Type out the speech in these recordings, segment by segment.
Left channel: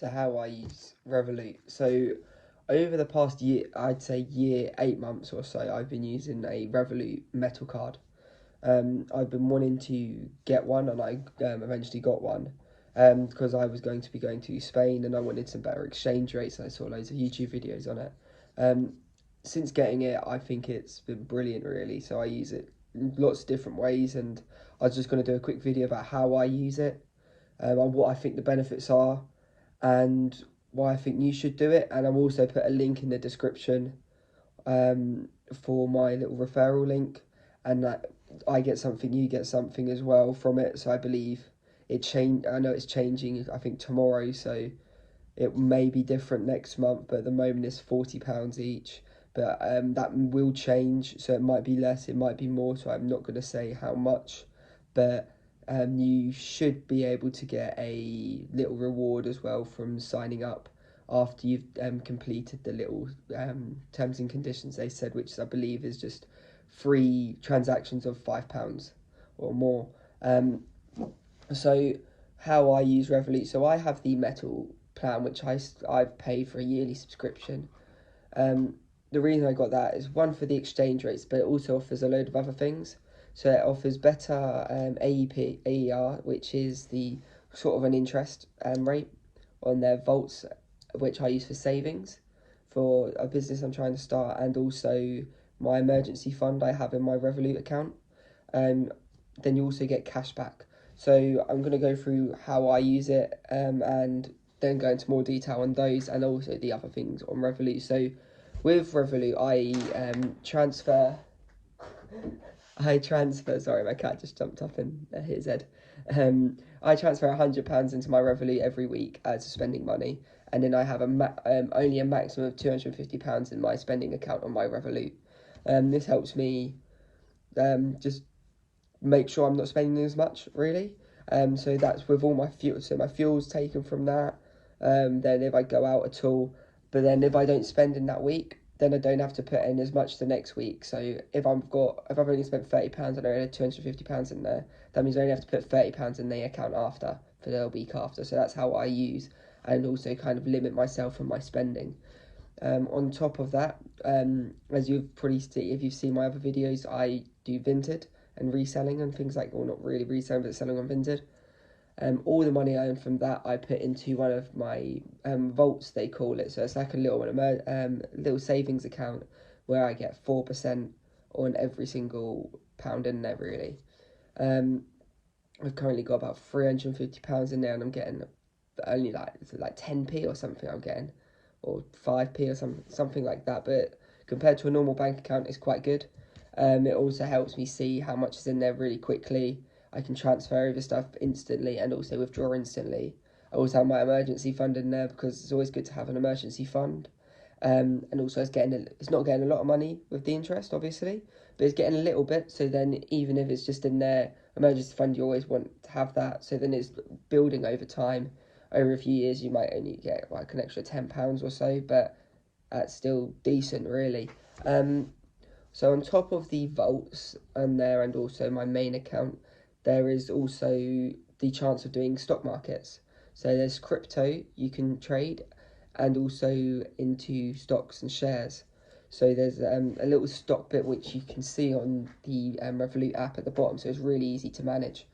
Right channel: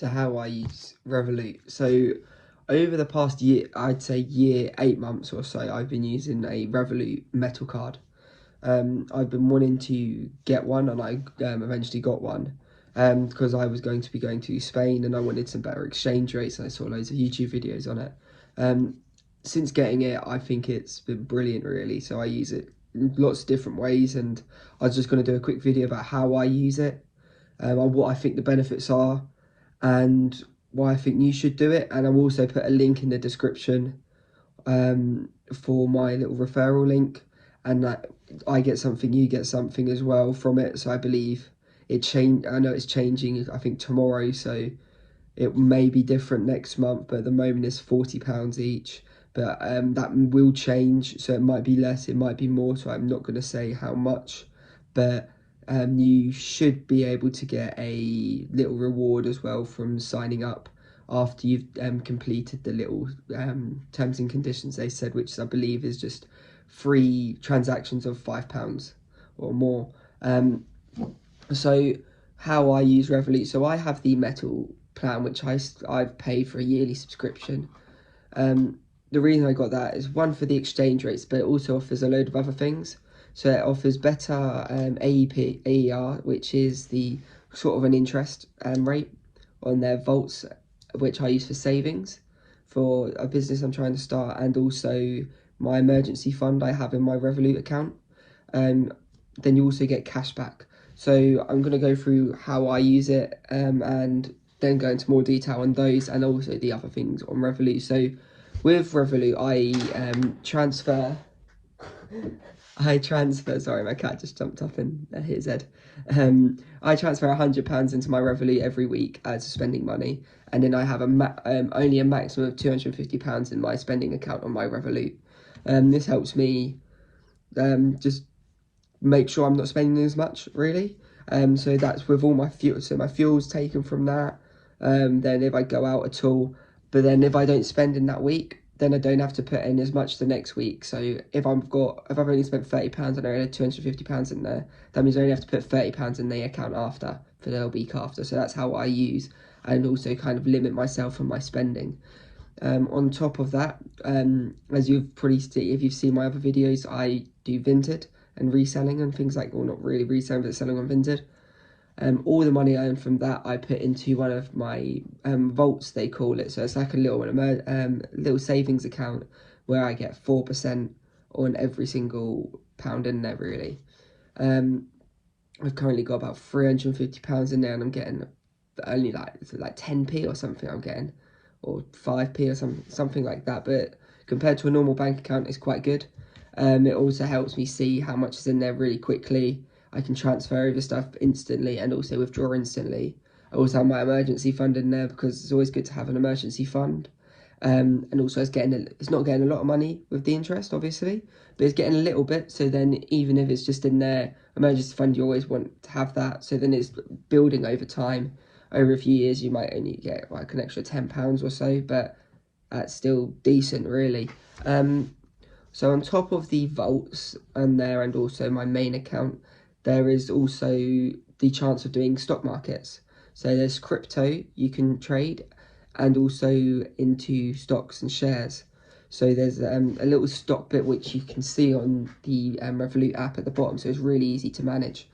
To how I use Revolut. So over the past year, I'd say year, 8 months or so, I've been using a Revolut metal card. I've been wanting to get one, and I eventually got one because I was going to be going to Spain and I wanted some better exchange rates, and I saw loads of YouTube videos on it. Um, since getting it, I think it's been brilliant, really. So I use it in lots of different ways, and I was just going to do a quick video about how I use it, and what I think the benefits are, and why I think you should do it. And I'll also put a link in the description for my little referral link, and that I get something, you get something as well from it. So I believe I know it's changing, I think tomorrow, so it may be different next month, but at the moment it's £40 each. But that will change, so it might be less, it might be more, so I'm not going to say how much. But you should be able to get a little reward as well from signing up after you've completed the little terms and conditions they said, which I believe is just free transactions of £5 or more. So how I use Revolut, so I have the metal plan, which I've paid for a yearly subscription. The reason I got that is, one, for the exchange rates, but it also offers a load of other things. So it offers better AER, which is the sort of an interest rate on their vaults, which I use for savings for a business I'm trying to start, and also my emergency fund I have in my Revolut account. Then you also get cash back. So I'm going to go through how I use it, and then go into more detail on those and also the other things on Revolut. So with Revolut, sorry, my cat just jumped up and hit his head. I transfer £100 into my Revolut every week as spending money, and then I have only a maximum of £250 in my spending account on my Revolut. This helps me just make sure I'm not spending as much, really. So that's with all my fuel. So my fuel's taken from that. Then if I go out at all, but then if I don't spend in that week, then I don't have to put in as much the next week. So if I've only spent £30 and I only had £250 in there, that means I only have to put £30 in the account after for the week after. So that's how I use and also kind of limit myself and my spending. On top of that, as you've probably seen, if you've seen my other videos, I do Vinted and reselling and things like, well, not really reselling, but selling on Vinted. All the money I earn from that, I put into one of my vaults, they call it. So it's like a little savings account where I get 4% on every single pound in there, really. I've currently got about £350 in there, and I'm getting only like 10p or something I'm getting, or 5p or something like that. But compared to a normal bank account, it's quite good. It also helps me see how much is in there really quickly. I can transfer over stuff instantly and also withdraw instantly. I also have my emergency fund in there because it's always good to have an emergency fund. And also it's not getting a lot of money with the interest, obviously, but it's getting a little bit. So then even if it's just in their emergency fund, you always want to have that. So then it's building over time. Over a few years, you might only get like an extra £10 or so, but that's still decent, really. So on top of the vaults and there, and also my main account, there is also the chance of doing stock markets. So there's crypto you can trade, and also into stocks and shares. So there's a little stock bit which you can see on the Revolut app at the bottom, so it's really easy to manage.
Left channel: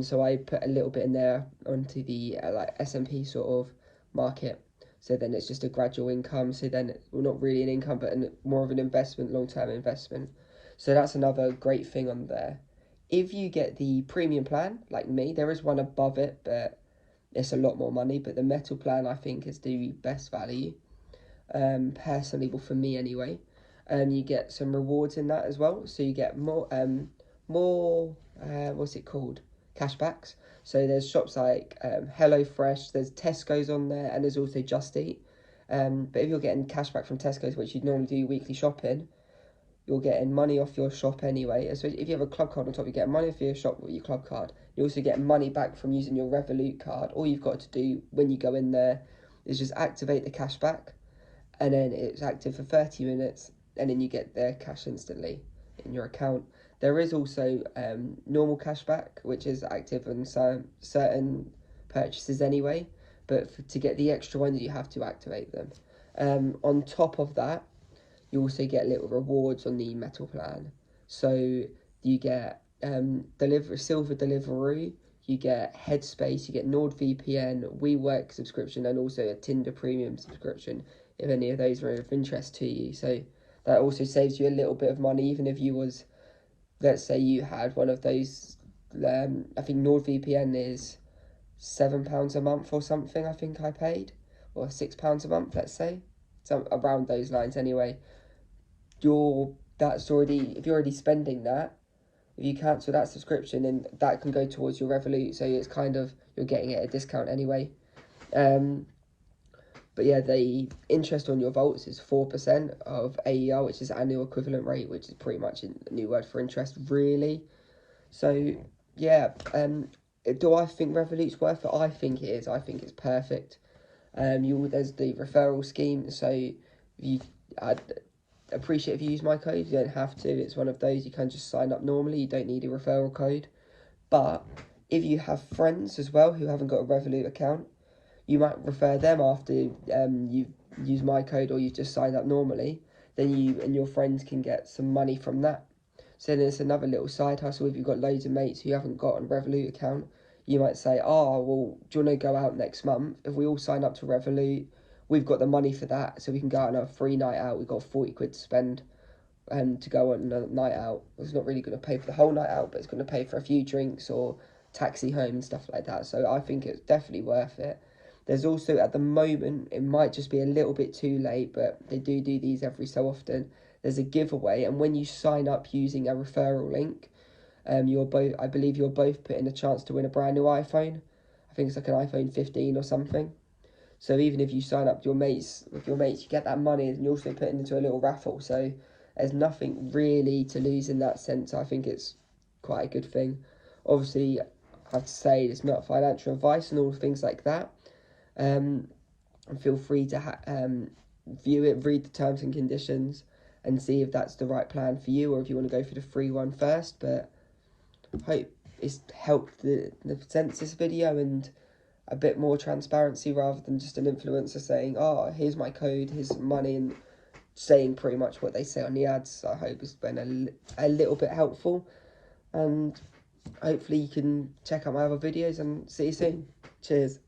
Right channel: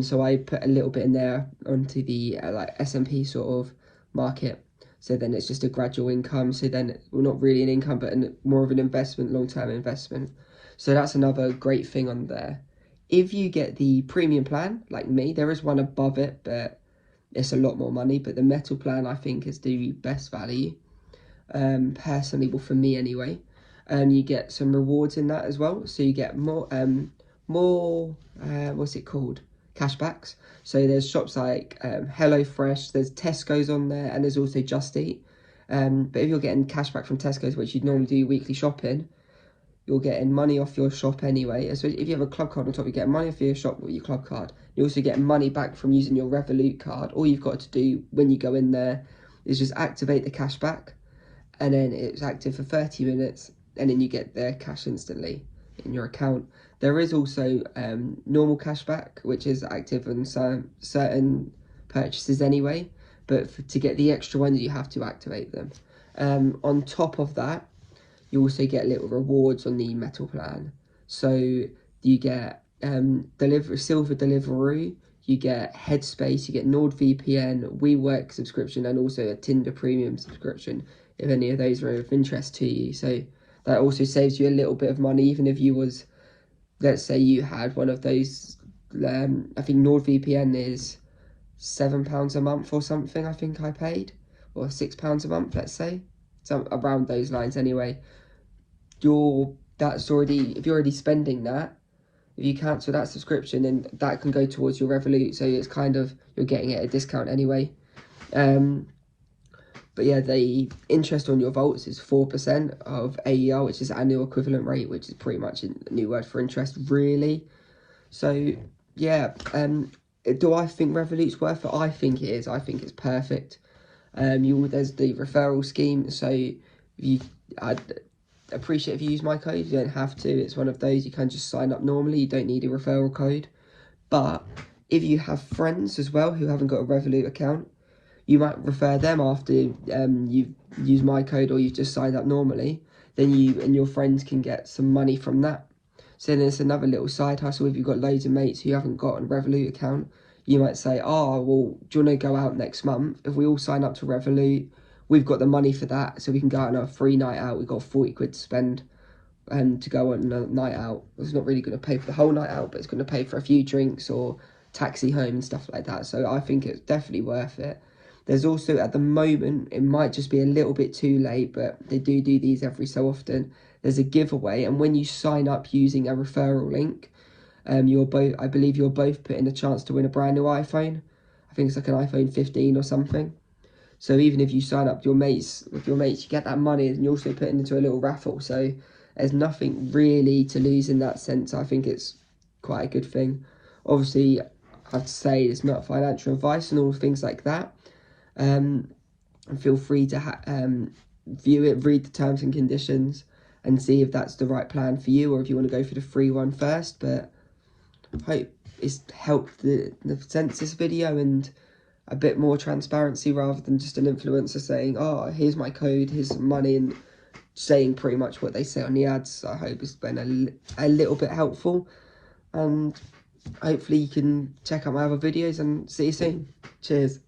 So I put a little bit in there onto the like S&P sort of market. So then it's just a gradual income. So then, well, not really an income, but more of an investment, long-term investment. So that's another great thing on there. If you get the premium plan, like me, there is one above it, but it's a lot more money. But the metal plan, I think, is the best value, personally, well, for me anyway. You get some rewards in that as well. So you get more, what's it called? Cashbacks. So there's shops like HelloFresh, there's Tesco's on there, and there's also Just Eat. But if you're getting cashback from Tesco's, which you'd normally do weekly shopping, you're getting money off your shop anyway. So if you have a club card on top, you get money off your shop with your club card. You also get money back from using your Revolut card. All you've got to do when you go in there is just activate the cashback, and then it's active for 30 minutes, and then you get their cash instantly in your account. There is also normal cashback, which is active on certain purchases anyway, but to get the extra ones, you have to activate them. On top of that, you also get little rewards on the metal plan. So you get silver delivery, you get Headspace, you get NordVPN, WeWork subscription, and also a Tinder premium subscription, if any of those are of interest to you. So that also saves you a little bit of money, even if you was, let's say you had one of those, I think NordVPN is £7 a month or something, I think I paid, or £6 a month, let's say, some around those lines anyway. If you're already spending that, if you cancel that subscription, then that can go towards your Revolut, so it's kind of, you're getting it at a discount anyway. But yeah, the interest on your vaults is 4% of AER, which is annual equivalent rate, which is pretty much a new word for interest, really. So yeah, do I think Revolut's worth it? I think it is. I think it's perfect. There's the referral scheme, so I'd appreciate if you use my code. You don't have to. It's one of those, you can just sign up normally. You don't need a referral code. But if you have friends as well who haven't got a Revolut account, you might refer them after you've used my code or you've just signed up normally. Then you and your friends can get some money from that. So then it's another little side hustle. If you've got loads of mates who haven't got a Revolut account, you might say, oh, well, do you want to go out next month? If we all sign up to Revolut, we've got the money for that, so we can go out on a free night out. We've got 40 quid to spend to go on a night out. It's not really going to pay for the whole night out, but it's going to pay for a few drinks or taxi home and stuff like that. So I think it's definitely worth it. There's also, at the moment, it might just be a little bit too late, but they do these every so often. There's a giveaway, and when you sign up using a referral link, I believe you're both put in a chance to win a brand new iPhone. I think it's like an iPhone 15 or something. So even if you sign up with your mates, you get that money, and you also put it into a little raffle. So there's nothing really to lose in that sense. I think it's quite a good thing. Obviously, I have to say it's not financial advice and all things like that. And feel free to view it, read the terms and conditions, and see if that's the right plan for you, or if you want to go for the free one first. But I hope it's helped the census video and a bit more transparency rather than just an influencer saying, oh, here's my code, here's some money, and saying pretty much what they say on the ads. I hope it's been a little bit helpful, and hopefully you can check out my other videos, and see you soon. Cheers.